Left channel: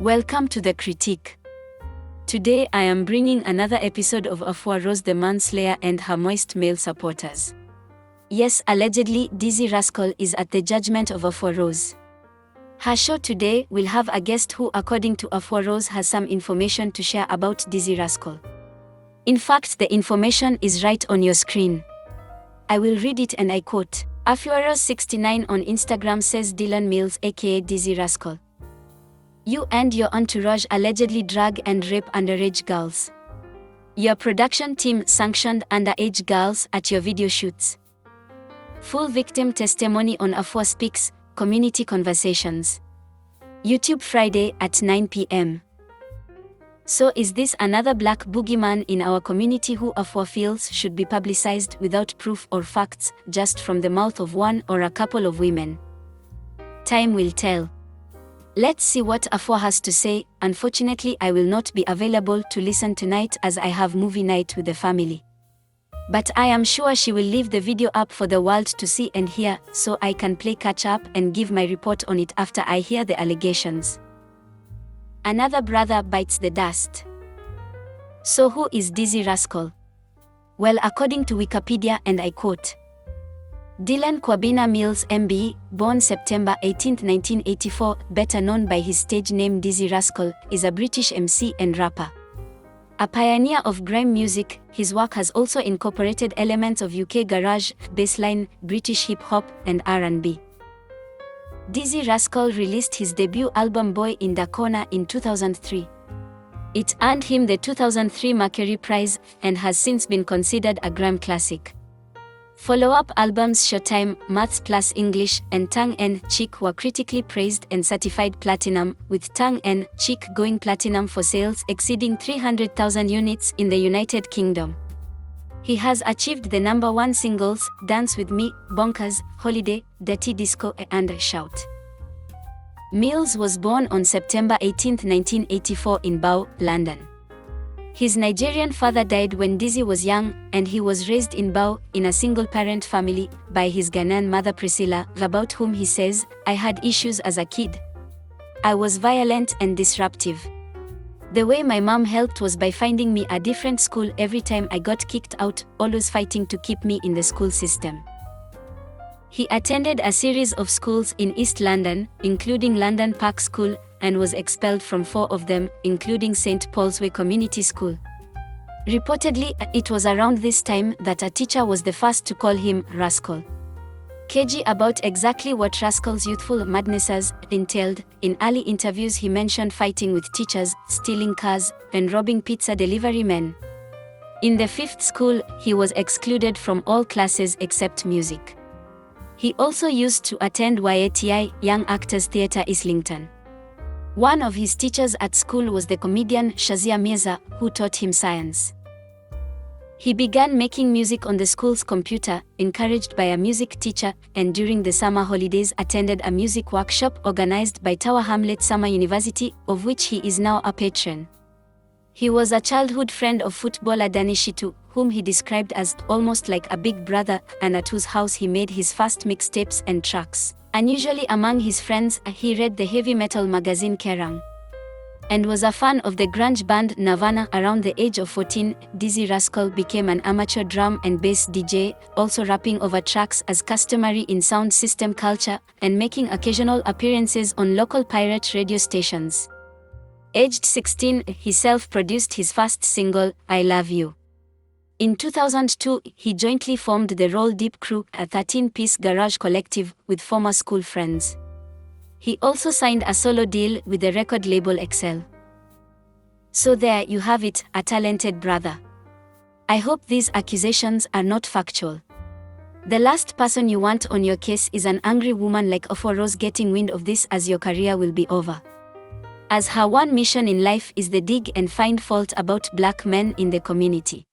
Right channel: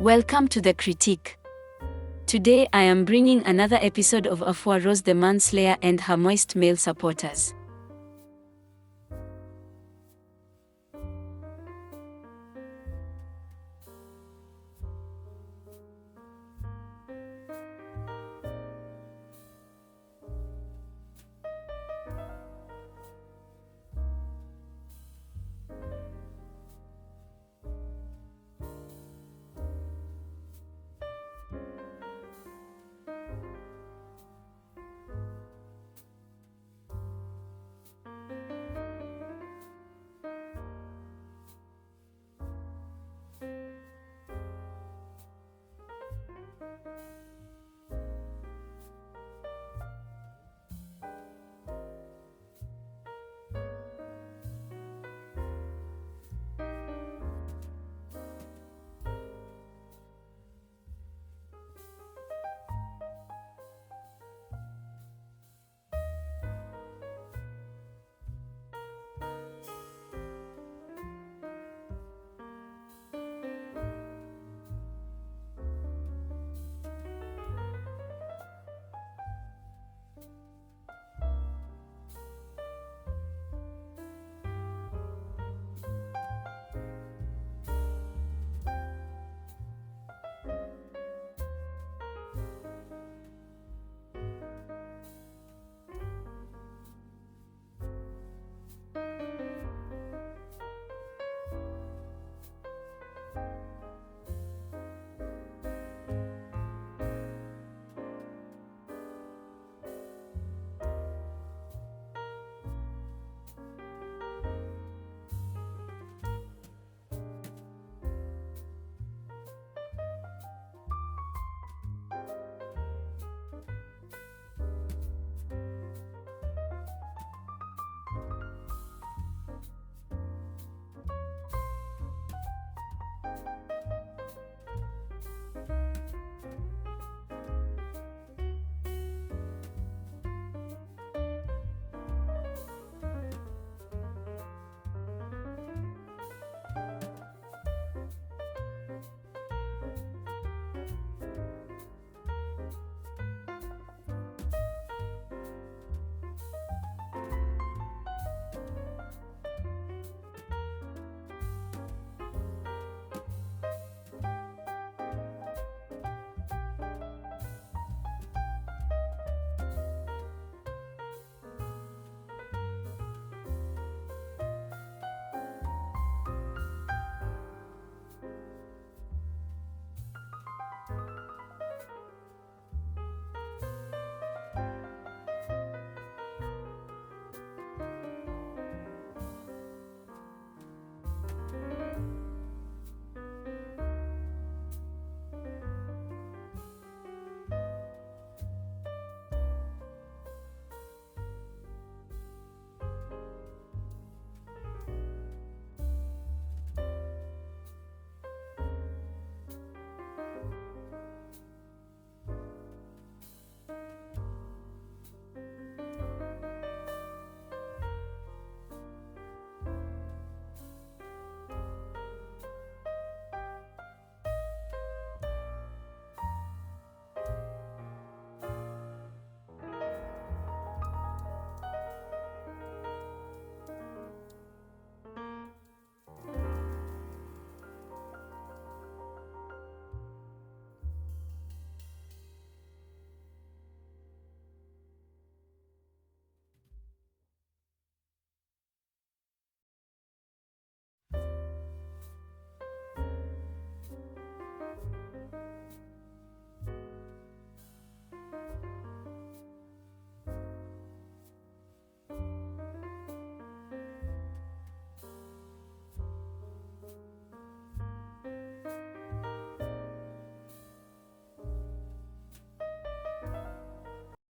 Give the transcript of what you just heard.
Welcome to The Critique. Today I am bringing another episode of Afua Rose the Manslayer and her moist male supporters. Yes, allegedly, Dizzee Rascal is at the judgment of Afua Rose. Her show today will have a guest who, according to Afua Rose, has some information to share about Dizzee Rascal. In fact, the information is right on your screen. I will read it and I quote, Afua Rose 69 on Instagram says Dylan Mills aka Dizzee Rascal. You and your entourage allegedly drag and rape underage girls. Your production team sanctioned underage girls at your video shoots. Full victim testimony on Afua Speaks, Community Conversations. YouTube Friday at 9 p.m. So is this another black boogeyman in our community who Afua feels should be publicized without proof or facts, just from the mouth of one or a couple of women? Time will tell. Let's see what Afua has to say. Unfortunately, I will not be available to listen tonight as I have movie night with the family. But I am sure she will leave the video up for the world to see and hear, so I can play catch up and give my report on it after I hear the allegations. Another brother bites the dust. So who is Dizzee Rascal? Well, according to Wikipedia, and I quote, Dylan Kwabena Mills MB, born September 18, 1984, better known by his stage name Dizzee Rascal, is a British MC and rapper. A pioneer of grime music, his work has also incorporated elements of UK garage, bassline, British hip-hop, and R&B. Dizzee Rascal released his debut album Boy in the Corner in 2003. It earned him the 2003 Mercury Prize and has since been considered a grime classic. Follow-up albums Showtime, Maths Plus English, and Tongue N' Cheek were critically praised and certified platinum, with Tongue N' Cheek going platinum for sales exceeding 300,000 units in the United Kingdom. He has achieved the #1 singles, Dance With Me, Bonkers, Holiday, Dirty Disco, and Shout. Mills was born on September 18, 1984 in Bow, London. His Nigerian father died when Dizzee was young, and he was raised in Bow, in a single-parent family, by his Ghanaian mother Priscilla, about whom he says, I had issues as a kid. I was violent and disruptive. The way my mom helped was by finding me a different school every time I got kicked out, always fighting to keep me in the school system. He attended a series of schools in East London, including London Park School, and was expelled from 4 of them, including St. Paul's Way Community School. Reportedly, it was around this time that a teacher was the first to call him Rascal. Cagey about exactly what Rascal's youthful madnesses entailed, in early interviews he mentioned fighting with teachers, stealing cars, and robbing pizza delivery men. In the 5th school, he was excluded from all classes except music. He also used to attend YATI, Young Actors Theatre Islington. One of his teachers at school was the comedian Shazia Mirza, who taught him science. He began making music on the school's computer, encouraged by a music teacher, and during the summer holidays attended a music workshop organized by Tower Hamlets Summer University, of which he is now a patron. He was a childhood friend of footballer Danny Shitu, whom he described as almost like a big brother, and at whose house he made his first mixtapes and tracks. Unusually among his friends, he read the heavy metal magazine Kerrang! And was a fan of the grunge band Nirvana. Around the age of 14, Dizzee Rascal became an amateur drum and bass DJ, also rapping over tracks as customary in sound system culture, and making occasional appearances on local pirate radio stations. Aged 16, he self-produced his first single, I Love You. In 2002, he jointly formed the Roll Deep Crew, a 13-piece garage collective, with former school friends. He also signed a solo deal with the record label Excel. So there you have it, a talented brother. I hope these accusations are not factual. The last person you want on your case is an angry woman like Afua Rose getting wind of this, as your career will be over. As her one mission in life is the dig and find fault about black men in the community.